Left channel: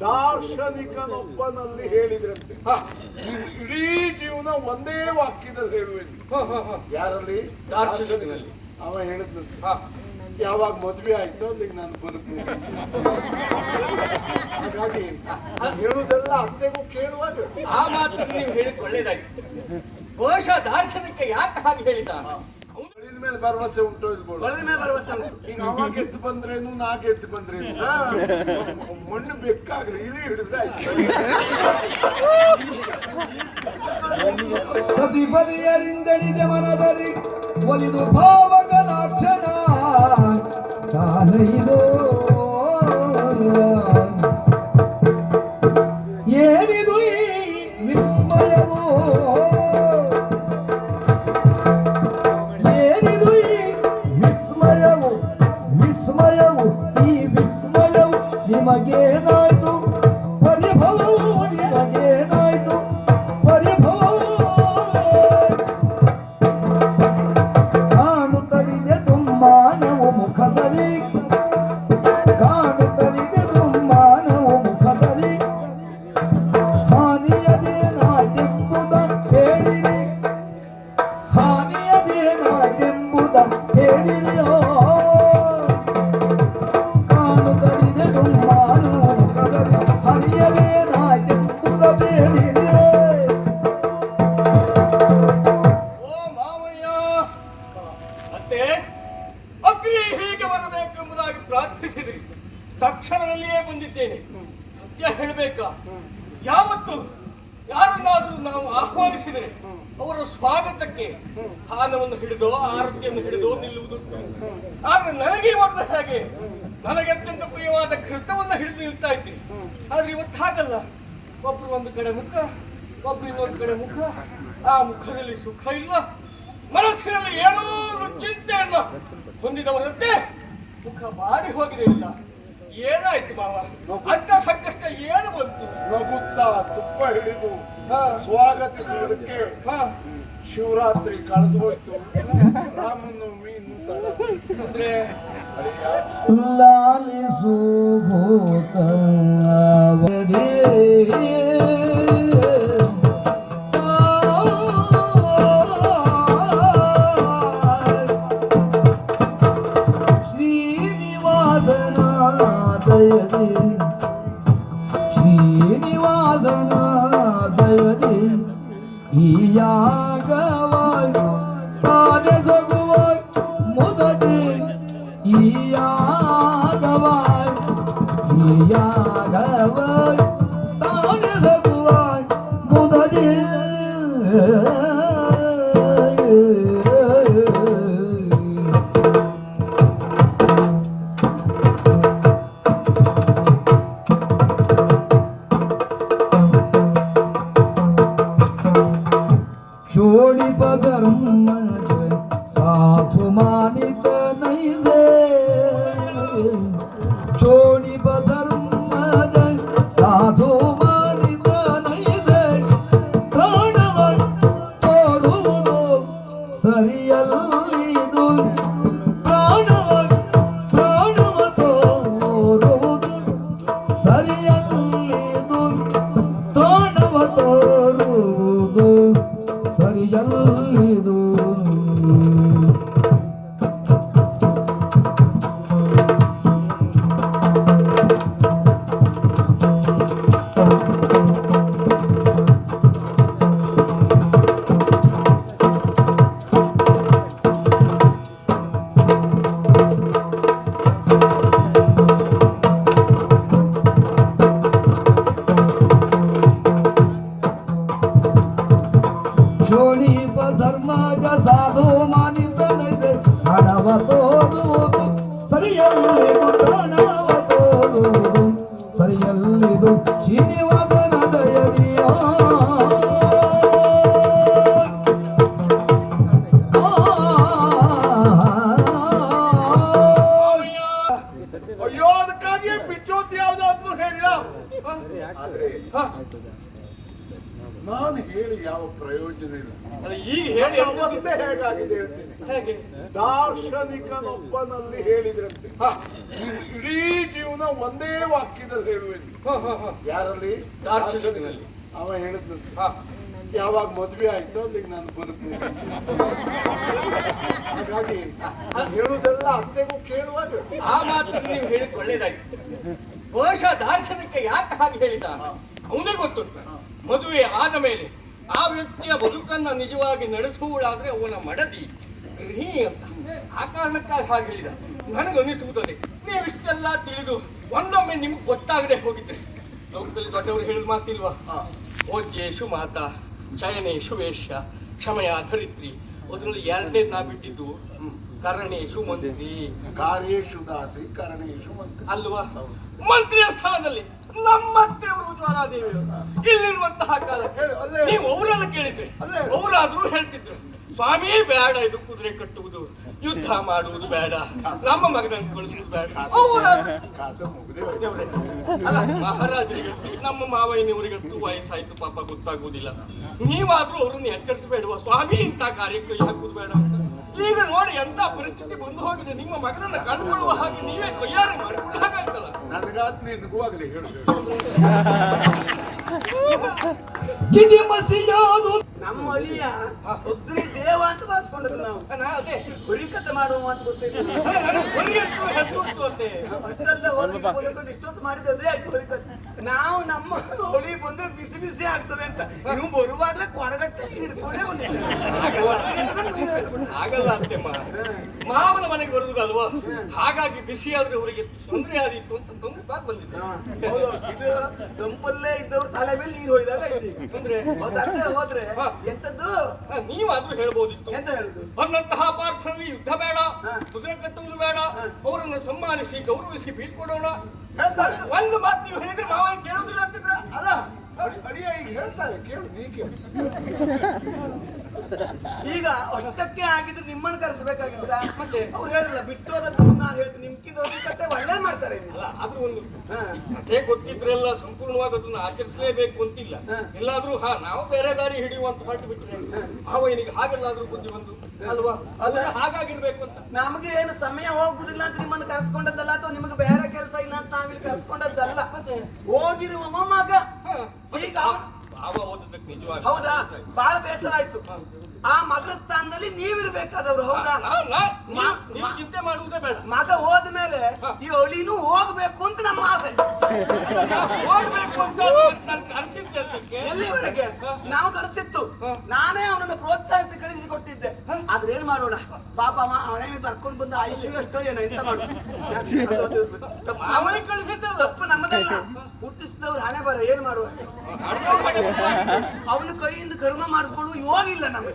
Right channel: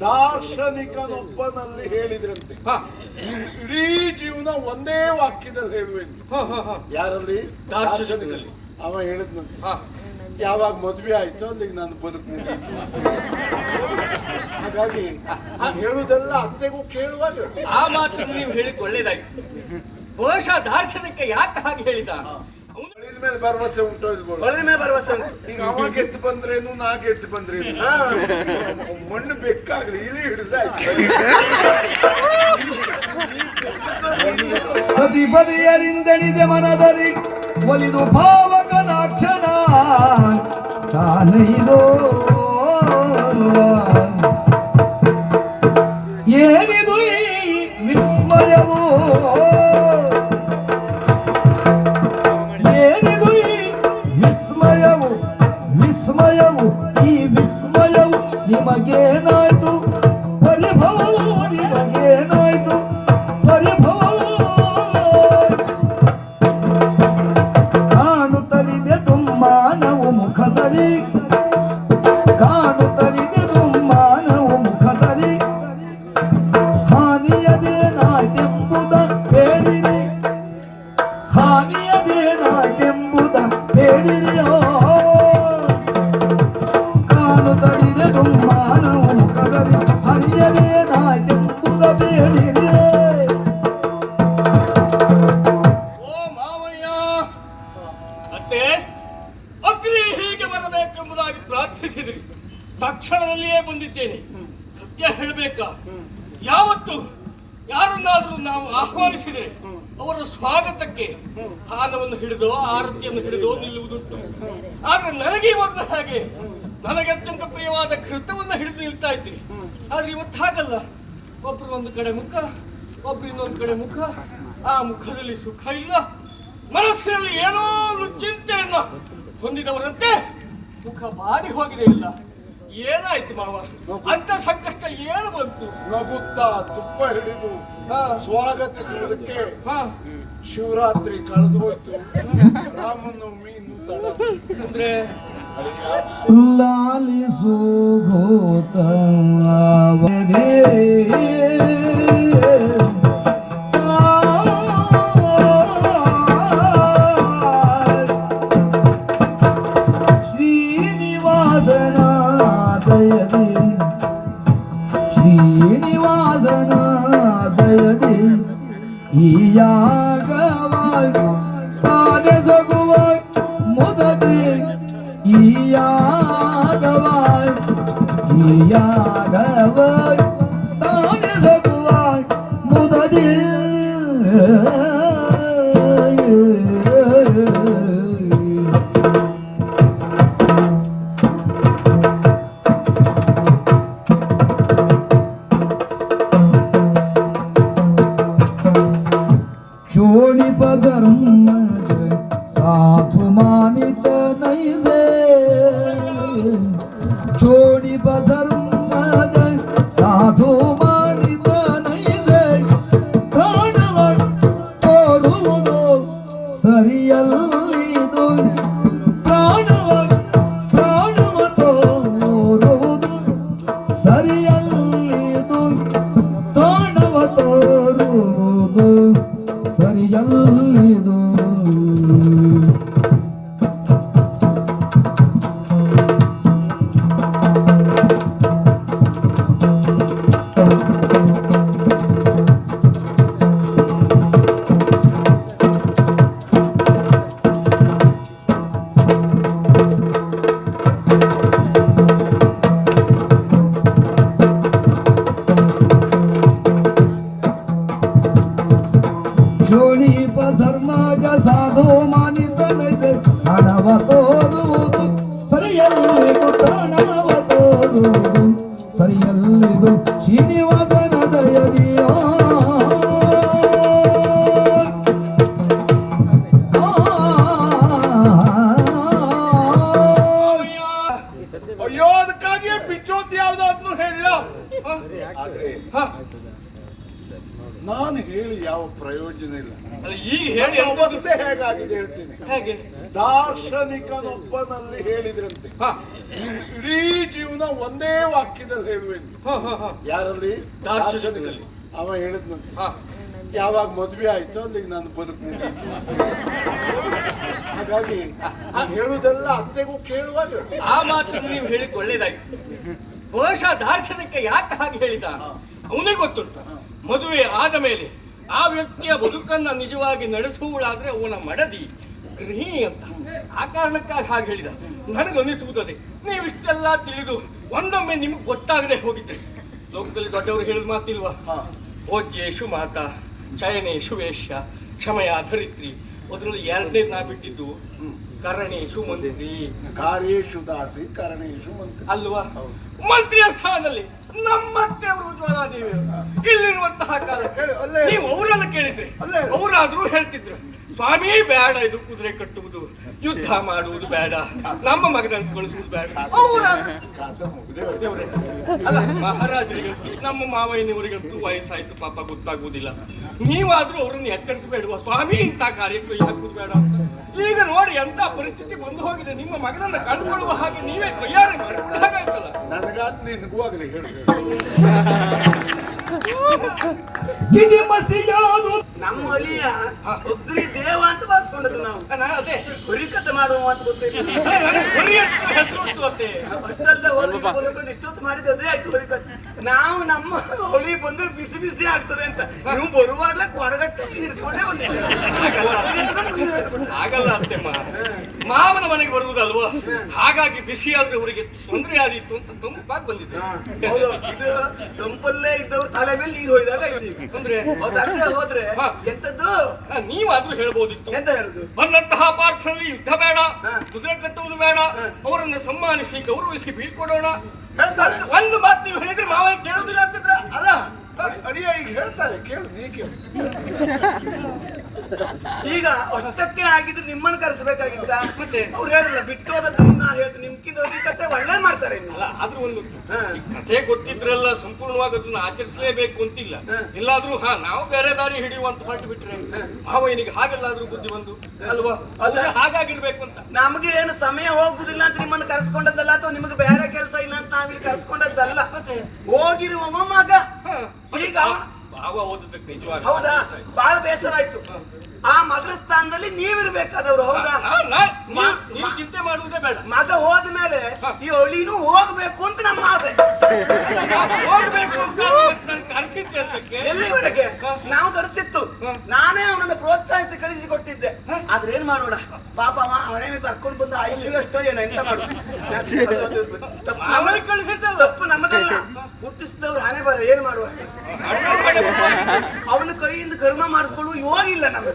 ದಾರ್ಶನಿಕನೊಬ್ಬನಲ್ಲಿ ಹೇಳಿದ್ರಂತೆ. ಇಡೀ ಜೀವನ ಒಂದೇ ವಾಕ್ಯದಲ್ಲಿ ಹೇಳುವೆನು. ಯಾರಲ್ಲಿ? ದಾರ್ಶನಿಕನಲ್ಲಿ. ಅವ ಹೇಳಿದ್ನಂತೆ. ಹ. ಯಾವಾಗ ಮದುವೆ ಆಯ್ತು ಅಲ್ಲಿಗೆ ನಾನು ಬದುಕು ಹಾಗಾಗಿ ಹೇಳುವುದೆಲ್ಲ ಅತ್ತೆಗೂ ಕೇಳುವಾಗ ಆ ಮಾತು ನೀವು ಹೇಳಿಕೊಳ್ಳೇದಾಗಿ ಬಹುಶಃ ದಾರ್ಶನಿಕ ಯಾಕೆ ಹಾಗೆ ಹೇಳಿದ? ಮಳಿನ ಮೇಲೆ ಭರವಸೆ ಉಂಟು ಇಲ್ಬೋದು ಒಳ್ಳೆ ಮೇಲೆ ಭರವಸೆ ಉಂಟು. ಈಗ ಅವ ಗೆದ್ದು ಬಂದ್ರೇನು ನಾ ಗೆದ್ದು ಬಂದ್ರೇನು ಮಣ್ಣು ಬೆಕ್ಕಾಗ್ಲಿ ಇಲ್ಲಿ ಹಿಡಿದಾಯ್ತು ಸತಿ ಬದಿಯರಿಂದಣಿದೆ ಮನದಲ್ಲಿ ಒಲಿದು ಭಾವಕನಾಕ್ಷಣ ತಾನೈದೋ ತಕ್ಷಣದಲ್ಲಿಯೇ ಬಂದಿದ್ದೇನೆ. ಸತ್ಯ ಹೇಳಬೇಕಾ? ಯಾವತ್ತು? ಯಾರನ್ನಾದರೂ ನಾವು ಆಹ್ವಾನಿಸಿದರೆ? ಅವರ ಸ್ವಾಗತಕ್ಕೆ ಹಾನವನ್ನು ಹಿಡಿದು ಆರತಿಯನ್ನು ಹಿಡಿದು ನಿಲ್ಲುವುದುಂಟು. ಆದ್ರೆ ನನಗೆ ಇವತ್ತು ಹಾಗೆ. ನನಗೆ ಅತ್ಯಂತ ಪ್ರಿಯವಾದ ಕೃತವನ್ನು ಹಿಡಿದು ನಿಲ್ತಾ ಇದ್ದೀನಿ. ಆದ್ರೆ ಇವತ್ತು ಹಾಗಲ್ಲ. ಒಬ್ರು ಒಂದು ಕಡೆ ಮುಖ ಒಬ್ರು ಇನ್ನೊಂದು ಕಡೆ ಮುಖ. ಆ ಮುಖದಲ್ಲಿ ಸುಖ ಇಲ್ಲ. ಮನಸ್ಸಿನಲ್ಲಿ ಏನೋ ಒಂದು ಚಿಂತೆಯನ್ನು ಹೊಂದಿದವರಂತೆ ಮುಖ ಬಾರಿ ಹೋಗಿದೆ ಇಲ್ಲ. ಏನಾಯ್ತು ಮಾವ? ಅಂತ ಸಂಕಷ್ಟ ಏನು ಬಂತು? ನಗುತ್ತಾ ತುಪ್ಪ ಹಿಡಿದು. ಸ್ವಾಗತಿಸುವುದಕ್ಕೆ ಹಾ ಶಿವರಾತ್ರಿ ಕಳೆದು ಹೋಯ್ತು ರಾಮನವಮಿ ಇನ್ನು ತಡ ಅಂದ್ರೆ ಲಾಲಿಸು ಗೋತವಧಿ ಶ್ರೀನಿವಾಸನ ಈ ಯಾಗವ ತಾನೆಸಗುವ ಮುದದಿ ಈ ಯಾಗವ ಈ ನಾನು ಹೇಳಿ ಯಾವ ಪ್ರಯೋಜನ ಇಲ್ಲ. ಹೇಳಿ ನನ್ನ ಅವಸ್ಥೆ ಹೇಗಾಗಿದೆ ಹೇಳ್ತೀನಿ. ಹೇಗೆ? ದಾರ್ಶನಿಕನೊಬ್ಬನಲ್ಲಿ ಹೇಳಿದ್ರಂತೆ. ಇಡೀ ಜೀವನ ಒಂದೇ ವಾಕ್ಯದಲ್ಲಿ ಹೇಳುವೆನು. ಯಾರಲ್ಲಿ? ದಾರ್ಶನಿಕಲ್ಲಿ ಅವ ಹೇಳಿದ್ನಂತೆ. ಹಾ. ಯಾವಾಗ ಮದುವೆ ಆಯ್ತು ಅಂದ್ರೆ ನಾನು ಬದುಕು ಹಾಗಾಗಿ ನಾನು ಹೇಳುವುದೆಲ್ಲ ಅತ್ತೆಗೂ ಕೇಳುವಾಗ. ಆ ಮಾತು ನೀವು ಹೇಳಿದ್ ಬಹುಶಃ ದಾರ್ಶನಿಕ ಯಾಕೆ ಹಾಗೆ ಹೇಳಿದ? ಅವನೇ ಗೊತ್ತು ಮದುವೆ ಆದ ಮೇಲೆ ಆ ವ್ಯಕ್ತಿಯ ಬದುಕನ್ನ ನಿಜವಾಗಿ ನಡೆಸುವುದಾದ್ರೆ ಅವನ ಮಡದಿ ಗೃಹಿಣಿ ಅಂತ. ಆ ಕಾರಣಕ್ಕಾಗಿ ಹಾಗೆ ಹೇಳಿದ. ನನಗನಿಸುವುದೇ ನೀವಿಷ್ಟೆಲ್ಲ ತಿಳಿದು ಒಂದೊಮ್ಮೆ ನಿಮ್ಗೆ ಗೊತ್ತಾಗದೆ ಹೋಗಿದ್ದೆ. ಲೋಕದಲ್ಲಿ ದೊಡ್ಡವರು ಹೇಳಿದ ಮಾತಿಲ್ವಾ? ಭೋಜ್ಯೇಶು ಮಾತಾ ಚಯನೇಶು ವೇಷ್ಯ ಕ್ಷಮೆಯ ಧರಿತ್ರಿ. ಅದರಲ್ಲಿ ಎರಡನೇ ನಾ ಬಿಟ್ಟಿದ್ದು ಕರಣೇಶು ಮಂತ್ರಿ. ಕಾರೇಶು ದಾಸಿ ಕರಣೇಶು ಮಂತ್ರಿ. ಅಲ್ವಾ? ಮಂತ್ರಿಯ ಸ್ಥಾನದಲ್ಲಿ ನಮ್ಮತ್ತೆ ಮೃದುವಾಲಾದೇವಿ ಇಲ್ಲಿರುವಂತಹ ಕಾಲ ನೀವು ಅವರೆಲ್ಲ ಕೇಳಿದ್ರೆ ಅವರಾದ್ರೂ ಹೇಳ್ತಿದ್ರು ಸ್ವಾಮಿ ಬೇಡ ಇದು ಕುದುರೆ ಕಟ್ಟುವುದು. ಯುದ್ಧ ಮಾಡುವುದು ಬೇಡ. ನಮ್ಮ ಮಗನನ್ನು ಕಳಿಸುವುದು ಬೇಡ. ಅಲ್ಲ ಮಹಾರಾಜರಿಗಂತೂ ನಮ್ಮ ಮಾವಯ್ಯನವರಿಗಂತೂ ವಯಸ್ಸಾಯ್ತು ಪಾಪ ಗೊತ್ತಾಗುವುದಿಲ್ಲ. ನೀವಾದ್ರೂ ಅವರನ್ನು ಎಚ್ಚರಿಸಬೇಡುವ ಸ್ವಾಮಿ ಇಂಥ ಕಾರ್ಯಕ್ಕೆ ಹಾಕುವುದು ಹಾಕುದು ಬೇಡ. ಈಗ ನೋಡಿ ಎಂತ ಪರಿಸ್ಥಿತಿ ಬಂದು ಹೋಗಿದೆ. ನಿಮ್ಮ ಮಗನನ್ನ ಕಂಡುಕೊಳ್ಳುವ ಹಾಗೆ ನೀವೇ ತಯಾರಿ ಮಾಡಿ ಹಾಗಾಯ್ತಲ್ಲ? ನನಗಾದ್ ನಿನಗೂ ಆಗಲಿ ಹೇಳು. ನಮ್ಮ ಅಳಿಯ ಅಗ್ನಿ ದೇವ ಅಂತ ಭಾವಿಸ್ಕೊಂಡದ್ದು ನಾವು ಅದೇ. ಹುರಿಕತೆ ಮಾಡುವ ಅಂತ. ಗೊತ್ತಿಲ್ಲ ಆಯ್ತು ಹುರಿಕತೆ ನಾವು ನಮ್ಮ ಹೊಳಿ ಬಂದ್ರೆ ಬಿಸಿ ಬಿಸಿ ಆಗ್ತದೆ ಅಂತ. ನೀವು ಬರುವಾಗಲೇ ಕೊಡಗಟ್ಟು ಹಿಡ್ಕೊಂಡೇ ಬಂದಿದ್ದೀವಿ ಆಗಲ್ಲ ಮಾವನ ಮನೆಗೆ ಬರುವುದಲ್ವಾ? ಹಾಗಾಗಿ ಬಿಸಿ ಆದ್ರೆ ಅವರಿಗೆ ತೊಂದರೆ ಆದಿತ್ತು ಅಂತ ತೊಂದರೆ ಬಾಗ್ ಬಂದಿದ್ದೆ ಹೌದು. ಇದು ತಂಪಲ್ಲೇ ಇದ್ದವ್ರು ತಲೆ ಮೇಲೆ ನೀರು ಹೋಯ್ದಾಗ ಅಲ್ಲದೆ ಹೋದ್ರೆ ಎಂತದ್ದು? ನೀವಾದ್ರೂ ಹೇಳ್ಬೋದಿತ್ತು. ಎಂತ ಹೇಳುದು? ಬಂದಂತಹ ಪಾರ್ಥನಲ್ಲಿ ಯುದ್ಧ ಬೇಡ ಕುದುರೆ ಕಟ್ಟುವುದು ಬೇಡ ಅವರನ್ನು ಸನ್ಮಾನಿಸಿ ಗೌರವಿಸಿ ಬೀಳ್ಕೊಡೋಣ. ಒಂದು ಮಾತು ನೀವು ಹೇಳಿದ್ರೆ ಮಾವ ಕೇಳೋದಿಲ್ಲ ಅಂತಿದ್ರ ಅಲ್ಲ. ಅಡಿಯ ಈಗ ಹೇಳ್ತಾರೆ ಕೇಳು ನೀ ಕೇಳು. ಈಗ ಅಷ್ಟಕ್ಕೆ ಆಗಿದ್ರೆ ನಿಮ್ಮನ್ನ ಕರೆಸಬೇಕಾಗಿತ್ತ? ಮತ್ತೆ? ಅವ್ರು ಹೇಳಲ್ಲ ಬಿಟ್ಟು ಹೋದ ತಮ್ಮನ್ನ ಹೇಳ್ತು ನಿಮ್ಕಿಂತ ಕತೆ ಒಳ್ಳೆ ಮಾಡ್ತಾರೆ. ಆದ್ರೂ ಒಂದು. ಈ ಕಥೆ ಗೊತ್ತಿದ್ರಲ್ಲ ಸಂಪೂರ್ಣವಾಗಿ ಅದನ್ನ ಆಚರಿಸಲೇಬೇಕು ಅಂತಿಲ್ಲ. ಇಲ್ಲಾದ್ರೂ ಎಲ್ಲಾದ್ರೂ ಹಾ ನಾವು ಬೇರೆ ದಾರಿ ಹಿಡಿಯುವಂತ ಹೊರಟು ಬಿಟ್ರೆ ಮಾವನಿಗೆ ಹಾಗೆಲ್ಲಾದ್ರೂ ಬುದ್ಧಿ ಬಂದು ಅಲ್ವಾ? ಅದ್ರ ಹಾಗಾಗಿರ್ಬೇಕು ಅಂತ. ನಮಗೆ ಏನು ಸಮಯ ಹೋಗುದಿಲ್ಲ ಅಂತ ನಿಮ್ಮನ್ನ ಕರೆಸ್ಕೊಂಡದಲ್ಲ ಅಥವಾ ನಿಮಗೆ ಬೇರೆ ಇಲ್ಲ ಅಂತ ನಾವಿಲ್ಲಿ ಕಲ್ಸ್ಕೊಂಡದ್ದಲ್ಲ ಹೋಗಿರುವ ಮಗ. ಈಗ ಭಾವ ಓದಬೇಕು ನಿಜವಾಗಿ ಹೌದಾ? ಬಹಳ ಬೇಸರ ಆಯ್ತು ಆ ಮಗನ ಸ್ಥಾನದಲ್ಲಿ ನೀವಿರ್ಬೇಕಾದವ್ರು ಹೌದಾ? ನೀವು- ಚಿಂತೆ ಮಾಡುವುದೇ ಬೇಡ. ಮಗ ಹೋದ ಮೇಲೆ ಈ ಒಳಿನೂ ಹೋಗ್ಬೇಕು ಅಂತ ನಮ್ಮ ಆಸೆ. ಹೋಗ್ಬೇಕು ಅಂತ ನನ್ ಎಲ್ಲಿವರೆಗೆ? ನಾವು ಕರೆಸಿತ್ತು. ನಾನೇ ಅವನನ್ನು ಪ್ರೋತ್ಸಾಹಿಸಿ ಕಳಿಸಿ ಕೊಟ್ಟಿದ್ದೆ ಆದ್ರೆ ಏನ್ ಮಾಡೋಣ? ಪಾಪ ಅವ ಅವನೇ ಕರ್ಕೊಂಡು ಬಂದ ಐಶು ಎಷ್ಟೋ ಏನೋ ಎಂತ ಮಾಡುದು ತಪ್ಪು ನಮ್ಮ- ಅವನಿಗೆ ಕಳಿಸಿದ್ದಲ್ಲ. ತಪ್ಪು ನಮ್ಮದಲ್ಲ. ಹುಟ್ಟಿಸಿದವ್ರು ಹಣೆ ಬರ ಏನ್ ಮಾಡುವ? ಅವನ ಕೈಯಿಂದ ಕರ್ಮ ಮಾಡಿಸ್ಕೊಳ್ಳುವ ಯೋಗ ಇಲ್ಲ ನಮಗೆ.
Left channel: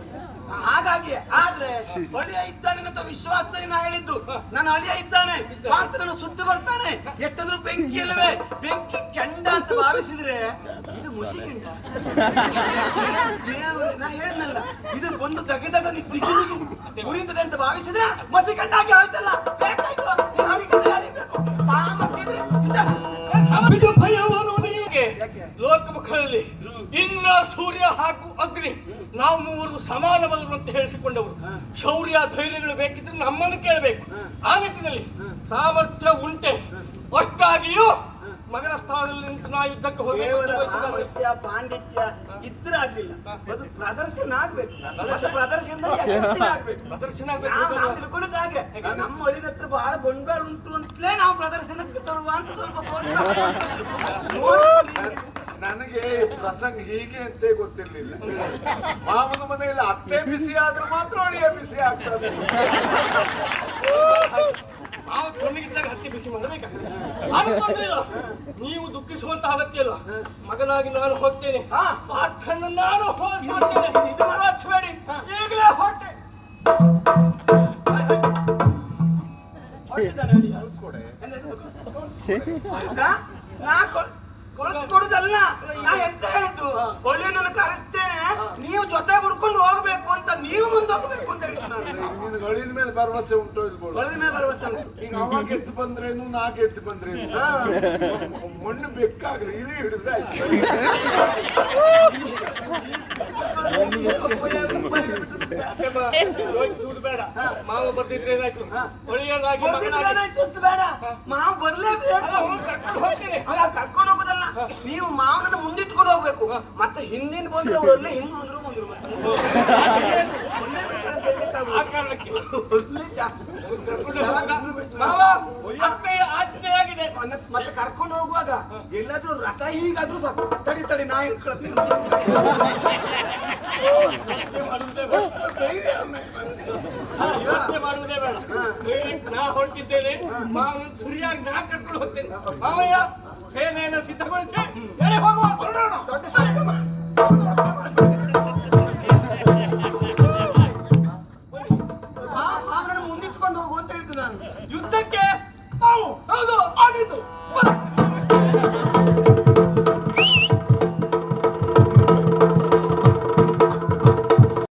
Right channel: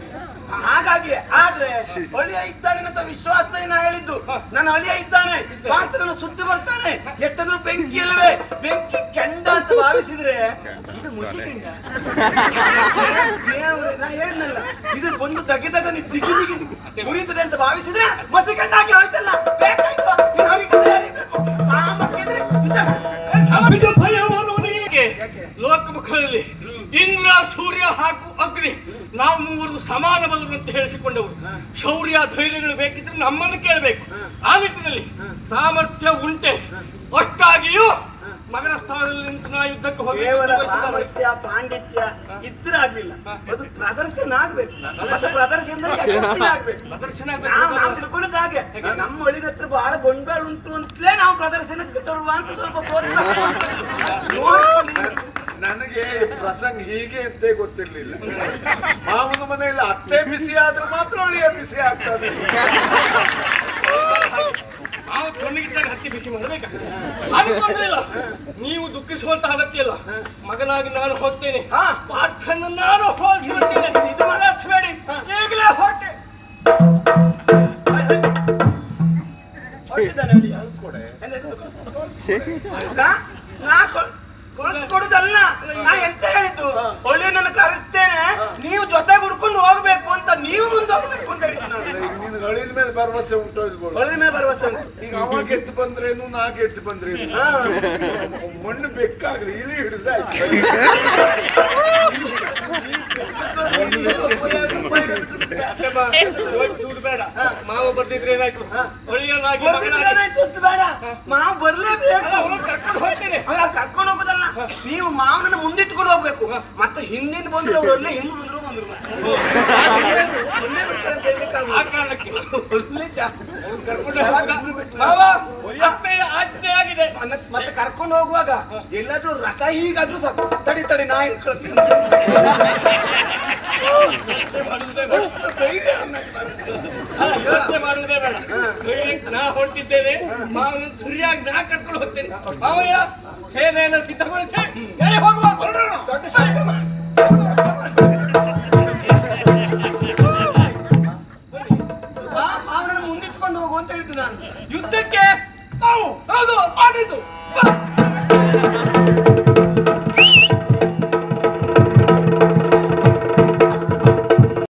ಹಾಗಾಗಿ, ಆದ್ರೆ ಹಳಿಯ ಇದ್ದಾನೆ ಅಂತ ವಿಶ್ವಾಸ ನಾ ಹೇಳಿದ್ದು. ನನ್ನ ಹಳಿಯ ಇದ್ದಾನೆ. ಪಾತ್ರನ ಸುಟ್ಟು ಬರ್ತಾನೆ. ಎಷ್ಟಾದ್ರು ಬೆಂಕಿ ಇಲ್ಲವೇ ಬೆಂಕಿ ಕೆಂಡ ಅಂತ ಭಾವಿಸಿದ್ರೆ ಇದು ಮುಸಿ ಕೆಂಡ ನಾ ಹೇಳಿದ್ನಲ್ಲ ಇದು ಬಂದು ದಗೆ ನೀ ದಿಗಿ ದಿಗಿ ಉರಿತದೆ ಅಂತ ಭಾವಿಸಿದ್ರೆ ಮಸಿ ಕಂಡಾಗಿ ಹೇಳ್ತಲ್ಲ ಬೇಕಾಯ್ತು. ಸಾಮರ್ಥ್ಯ ಇದ್ರೆ ಲೋಕಮುಖದಲ್ಲಿ ಇಂದ್ರ ಸೂರ್ಯ ಹಾಗೂ ಅಗ್ನಿ ನಾವು ಮೂವರು ಸಮಾನ ಬಲರು ಅಂತ ಹೇಳಿಸಿಕೊಂಡವರು ಶೌರ್ಯ ಧೈರ್ಯಗಳು ಬೇಕಿದ್ರೆ ನಮ್ಮನ್ನು ಕೇಳಬೇಕು. ಆ ನಿಟ್ಟಿನಲ್ಲಿ ಸಾಮರ್ಥ್ಯ ಉಂಟೆ. ಅಷ್ಟಾಗಿಯೂ ಮಗನ ಸ್ಥಾನದಲ್ಲಿ ನಿಂತು ನಾ ಯುದ್ಧಕ್ಕೆ ಹೋಗಿ ಕೇವಲ ಸಾಮರ್ಥ್ಯ ಪಾಂಡಿತ್ಯ ಇದ್ರೆ ಆಗ್ಲಿಲ್ಲ ಅದು ಪ್ರದರ್ಶನ ಆಗ್ಬೇಕು ಅದು ಪ್ರದರ್ಶನ ಆಗ್ಬೇಕು ಪ್ರದರ್ಶನ ನಾವು ತಿಳ್ಕೊಂಡಿದ್ದ ಹಾಗೆ ನಮ್ಮ ಹಳ್ಳಿದ ಹತ್ರ ಬಹಳ ಗೊಂಡಾಳು ಉಂಟು ಅಂತಲೇ ನಾವು ಪ್ರದರ್ಶನಕ್ಕೆ ತರುವ ಅಂತ ಸ್ವಲ್ಪ ನನಗೆ ಪ್ರಸಂಗ ಹೀಗೆ ಅಂತ ಗೊತ್ತಿರ್ಲಿಲ್ಲ ಮಾಮನ ಮನೆಯಲ್ಲಿ ಅತ್ತೆ ಬಿಸಿ ಆದ್ರೆ ಮಾತ್ರ ಅಳಿಯ ಬಿಸಿ ಆಗ್ತದೆ ಬಿಸಿ ಮಾಡಬೇಕಾಗ್ತದೆ ಇಲ್ಲ. ನೀವು ದುಃಖಿಸುವಂತ ಅಗತ್ಯ ಇಲ್ಲ ಮಗನಾಗಿ ನಾನು ಹೋಗ್ತೇನೆ. ಪಾಠನ್ನು ಪಾಠನ ನಾನು ಹೋಲಿಸುತ್ತೇನೆ ಇದು ಈಗಲೇ ಹೊಟ್ಟೆ. ಹೊರಟಿದ್ದಾನೆ ಅಲ್ಲಿ. ಹೌದಾ? ನಾ ಕೊ- ಕೊಡಿಸ್ಕೊಡುದಲ್ಲ? ನಾ ಎಂತ ಹೇಳಿದ್ದು? ಒಳ್ಳೆ ನನ್ನ ಕರೆಸ್ತೇನೆ. ನೀವು ಜೊತೆ ಹುಡ್ಕೊಂಡು ಹೋಗ್ಬೇಕು ಅಂತ ನೀವು ಮುಂದೆ ಹೋಗ್ಬೇಕು ಅಂತ ಹೇಳಿದ್ದು ನಾನು. ಅಳಿನ ಮೇಲೆ ಭರವಸೆ ಉಂಟು ಒಳಗಿನ ಮೇಲೆ ಭರವಸೆ ಈಗ ಅವ ಗೆದ್ದು ಬಂದ್ರೇನು ನಾ ಗೆದ್ದು ಬಂದ್ರೇನು ಮಣ್ಣು ಬೆಕ್ಕಾಗ್ಲಿ ಇಲ್ಲಿ ಹಿಡಿದಾಯ್ತು ಅತ್ತೆ ಬಾ, ಹೋಗಿ ಸುಡು ಬೇಡ ಮಾವ ಬರ್ದಿದ್ರೆ ಏನಾಯ್ತು? ಒಳ್ಳೆಯನಾಗಿ ಬರ್ತಿದ್ರೆ ಏನಾಯ್ತು ಬೇಡ. ಮಾವ ಬರ್ಲೇಬೇಕು. ಕರ್ಕೊಂಡು ಹೋಗ್ತೇನೆ. ಅಲ್ಲ ನೀವು ಮಾವನ ಮುಂದಿಟ್ಕೊಂಡು ಹೋಗ್ಬೇಕು. ಮತ್ತೆ ಹಿಂದಿನ ಬಂದ್ರೆ ಒಳ್ಳೆ ಹಿಂದೆ ಬಂದ್ರು ಬಂದ್ರು. ಮತ್ತೆ- ಕರ್ಕೊಂಡು ಹೋಗುವಾಗ ಎಲ್ಲಾದ್ರೂ ರಥ ಹೀಗಾದ್ರೂ ಸಾಕು. ತಡಿ ತಡಿ ನಾ ಧೈರ್ಯಕ್ಕೆ ನಾ ಹೊರಟಿದ್ದೇನೆ ಮಾವನ ಸರಿಯಾಗಿ ನಾ ಕರ್ಕೊಂಡು ಹೋಗ್ತೇನೆ. ಮಾವಯ್ಯ সে মেয়েদের সিদ্ধ করেছে।